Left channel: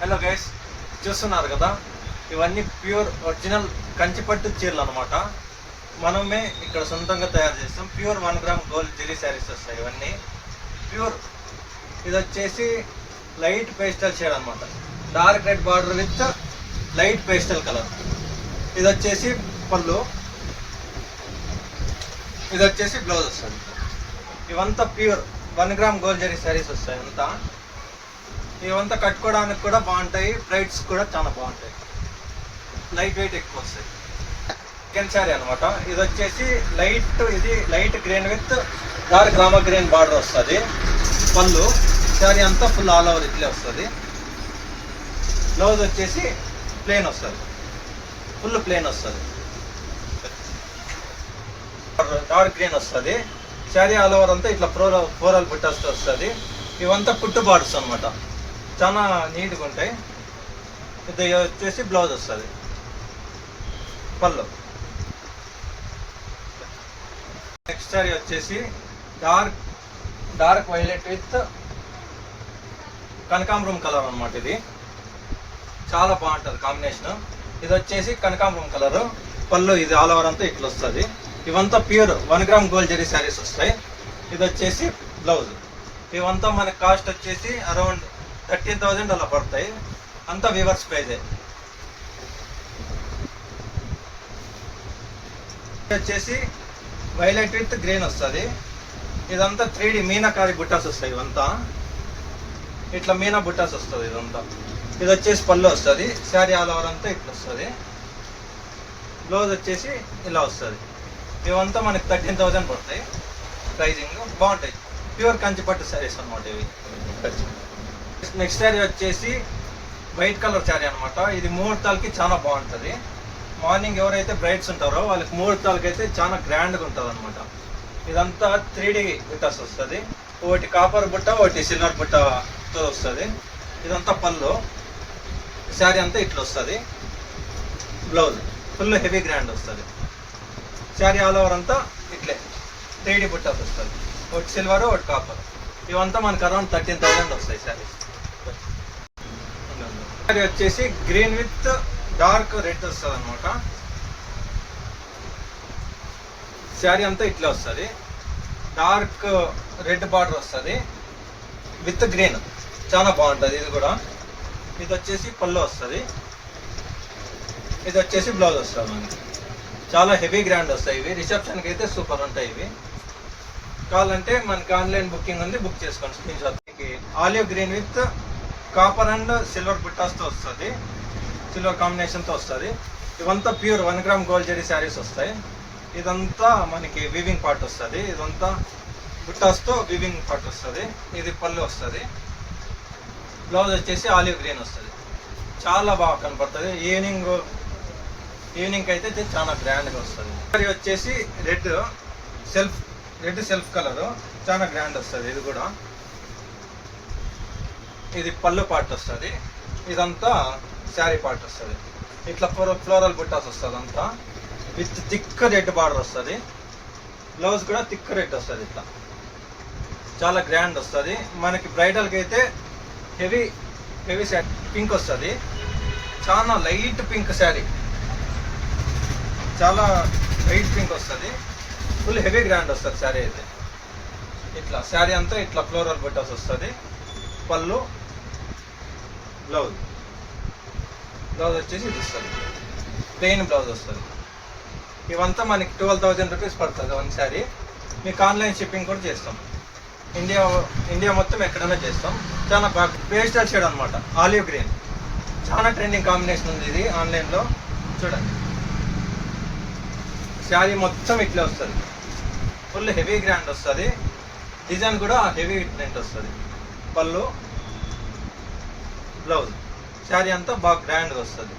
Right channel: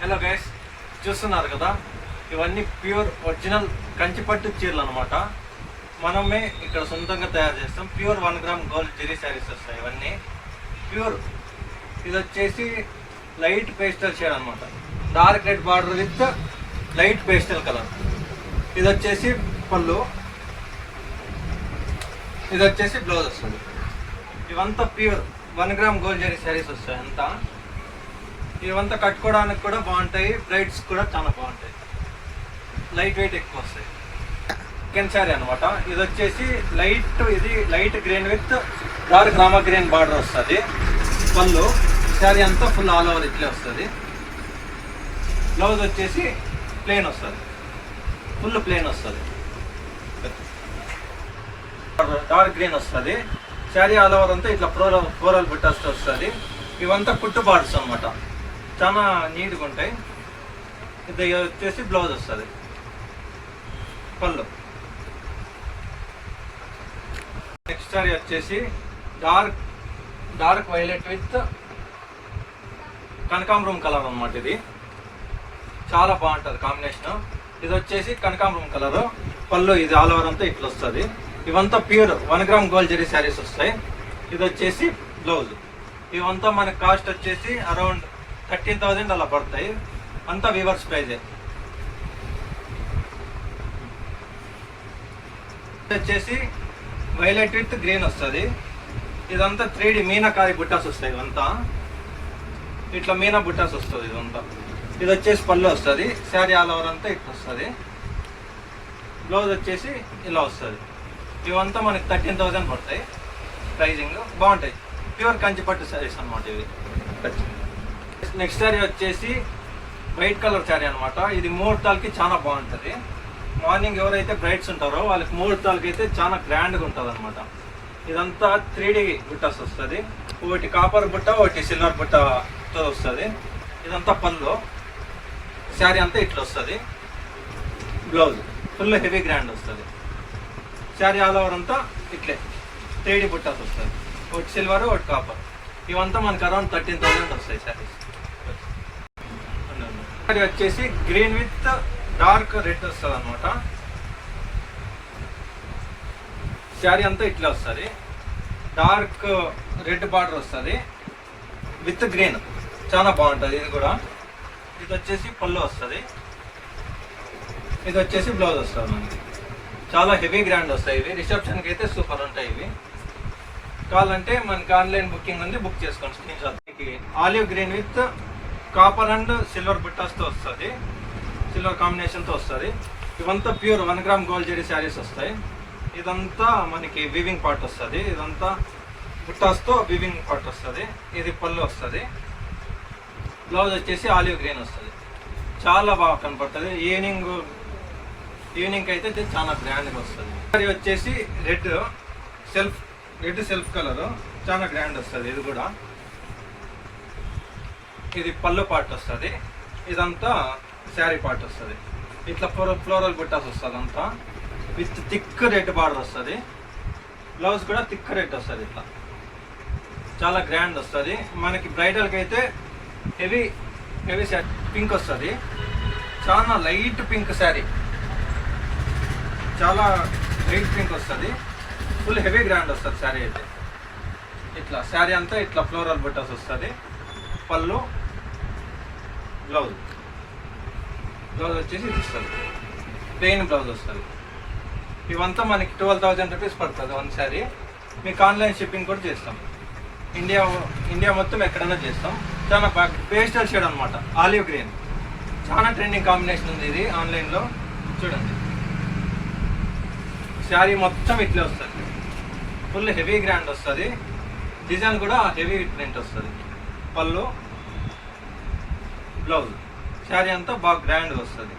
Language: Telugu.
హలో గైస్, చూస్తున్నారు కదా, ఇవన్నీ ప్యూర్ ఒరిజినల్ కంచిపట్టు చీరలు అనమాట. మనమే ఇక్కడ సొంతంగా తయారు చేస్తాం. Pure 1 gram gold zari saris వస్తాయి ఇవన్నీ ప్యూర్. ఇది వచ్చేసి లైట్ పేస్టల్ షేడ్ అనమాట, dark red border with light pastel colour. ఇది వచ్చేసి పళ్ళు, ఇది వచ్చేసి బ్లౌజ్ వస్తుంది. ఇవంతా pure 1 gram gold zari saris వస్తాయి అంతా. ఇవంతా కట్టుకోవడానికి కూడా బాగుంటాయి, బ్రైడ్స్ కూడా చాలా బాగుంటాయి, లైట్ వెయిట్ ఎక్కువ వస్తాయి. చికెన్ శారీ అనమాట. ఇది వచ్చేసి ఇది light green with dark Rama green border వస్తుంది. పళ్ళు శారీ అంతా ఫుల్ ఆల్ ఓవర్ ఇట్లే వస్తుంది. బ్లౌజ్ వచ్చేసి ప్లెయిన్ వస్తుంది, ఫుల్ ప్లెయిన్ వస్తుంది, డార్క్ గ్రీన్ వస్తుంది. శారీ ఆల్ ఓవర్ అంతా ఇట్లా ఫ్లోరల్ బుట్టాస్ వస్తుంది. ఇవంతా కుట్టు బార్డర్స్ అనమాట, చాలా నీట్గా ఉంటాయి. ఇది వచ్చేసి బ్లౌజ్ వస్తుంది. పళ్ళు నెక్స్ట్ సారీ వచ్చేసి డార్క్ వైలెట్ విత్ కనకాంబరం కలర్ అనమాట. ఇది చాలా బాగుంటుంది కాంబినేషన్. ఇది వచ్చేసి కనకాంబరం కలర్. పళ్ళు ఇది ఆల్ ఓవర్ అంతా ఇట్లా వస్తుంది. ఇవంతా pure 1 gram gold zari saris వస్తాయి. ఇది వచ్చేసి బ్లౌజ్. ఇవంతా మనకి కాస్ట్ వచ్చేసి అరౌండ్ 13,000 అలా పడతాయి. అంతా వీవర్స్ ప్రైజే. వచ్చేసి వైలెట్ విత్ గ్రీన్ వస్తుంది. ఇదంతా 3D మీనాకారి బుట్టాస్ వస్తాయి. ఇవంతా ఇట్లా మీనా బుట్టాస్ వస్తుంది ఇదంతా. ఇది వచ్చేసి పళ్ళు వస్తుంది. శారీ ఆల్ ఓవర్ అంతా ఇట్లా వస్తుంది. బ్లౌజ్ వచ్చేసి ఇలా వస్తుంది. ఇవంతా మనకి 13,000 పడతాయి. ప్రైజింగ్ బాగుంటాయి, ప్యూర్ కంచిపట్టు శారీస్ అనమాట ఇవి. నెక్స్ట్ శారీ వచ్చేసి వైట్ కలర్ శారీ అనమాట. ఇది ముహూర్తాలకి చాలా బాగుంటుంది. మార్నింగ్ ఎవరైతే బ్రైడ్స్ ఉంటారో వాళ్ళకి ముహూర్తాలకి అయితే చాలా గ్రాండ్గా ఉంటుంది అనమాట. ఇదంతా 3D బుట్టాస్ వస్తుంది. ఒకటి కాపర్ బుట్ట, ఒకటి సిల్వర్ బుట్టతో వస్తుంది. ఇదంతా పళ్ళు. శారీ అంతా ఇట్లా వస్తుంది. బ్లౌజ్ ఫుల్ హెవీ గ్రాండ్ వస్తుంది. శారీ ఆల్ ఓవర్ అంతా ఇట్లే 3D బుట్టాస్ వస్తుంది. ఒకటి సిల్వర్, ఒకటి కాపర్. ఇవంతా మనకు అరౌండ్ 13,000 వస్తాయి శారీస్. శారీ వచ్చేసి గ్రీన్ విత్ డార్క్ రెడ్ వస్తుంది అనమాట. శారీ అంతా ఇట్లా వస్తుంది. డార్క్ రెడ్ బార్డర్ వస్తుంది విత్ గ్రీన్, చాలా బాగుంటుంది ఇది కూడా. ఇది వచ్చేసి పళ్ళు వస్తుంది. ఇది వచ్చేసి బ్లౌజ్ వస్తుంది మనకి. చాలా హెవీ గ్రాండ్ వస్తాయి ఇవి. రిసెప్షన్కి అయితే సూపర్ ఉంటాయి ఇవి. కావాలంటే మనకి ఆన్లైన్ బుకింగ్ ఉంది, బుక్ చేసుకోండి. Screen shot. Olive green with copper and silver బుట్టాస్తో వస్తుంది, సిల్వర్ కాంబినేషన్తో వస్తుంది. ఇవంతా pure 1 gram gold zari saris వస్తాయి. ఇదంతా మనకి వీవింగ్ పార్ట్ వస్తుంది. ఇదంతా బుట్టాస్తో వీవింగ్ పార్ట్ వస్తుంది. ఇది పళ్ళు వస్తుంది. బ్లౌజ్ వచ్చేసి ఆలివ్ గ్రీన్ వస్తుంది. చాలా బాగా కనపడుతుంది. ఈవినింగ్ అయితే ఇది చాలా గ్రాండ్గా వస్తుంది. ఇది వచ్చేసి రెడ్ సెల్ఫ్ కలర్, చాలా గ్రాండ్ వస్తుంది ఇది కూడా. ఇది పళ్ళు పార్ట్ వస్తుంది. ఇదంతా శారీ పార్ట్ వస్తుంది. ఇట్లా ఫ్లోరల్ బుట్టాస్ వస్తుంది అంతా విత్ థిక్ రెడ్ బార్డర్ వస్తుంది. బ్లౌజ్ కూడా థిక్ రెడ్ వస్తుంది. ఇట్లా చాలా గ్రాండ్ వస్తుంది. మనకి బ్రైడల్కి అయితే హెవీ శారీ పింక్ వస్తుంది. చాలా లైట్ పింక్ శారీ, చాలా లైట్ పింక్ వస్తుంది. ఫుల్ హెవీ గ్రాండ్ వస్తుంది శారీ అయితే. ఇట్లా శారీ అంతా ఇట్లా ఫ్లోరల్ బుట్టాస్ వస్తుంది. పళ్ళు, బ్లౌజ్ వచ్చేసి ఇది వస్తుంది. ప్లెయిన్ బ్లౌజ్ వస్తుంది. ఇవంతా మనకి 12,000 రూపీస్ పడుతుంది 1 శారీ. మీకు ఆన్లైన్ షిప్పింగ్ కూడా చేస్తాం. ఇండియా మొత్తం ఎక్కడైనా చేస్తాం. చాలా బాగా పేస్టల్ షేడ్ అనమాట, ఆలివ్ గ్రీన్. చాలా ట్రెండింగ్ కాంబినేషన్ ఉంది ఇది ఆన్లైన్లో. చూడండి, శారీ మొత్తం ఇట్లా వస్తుంది. ఫుల్ హెవీ గ్రాండ్ వస్తుంది. డిజైన్ కూడా హెవీ ప్రింట్ వస్తుంది. పళ్ళు, బ్లౌజ్, శారీ అంతా బాగా గ్రాండ్గా వస్తుంది.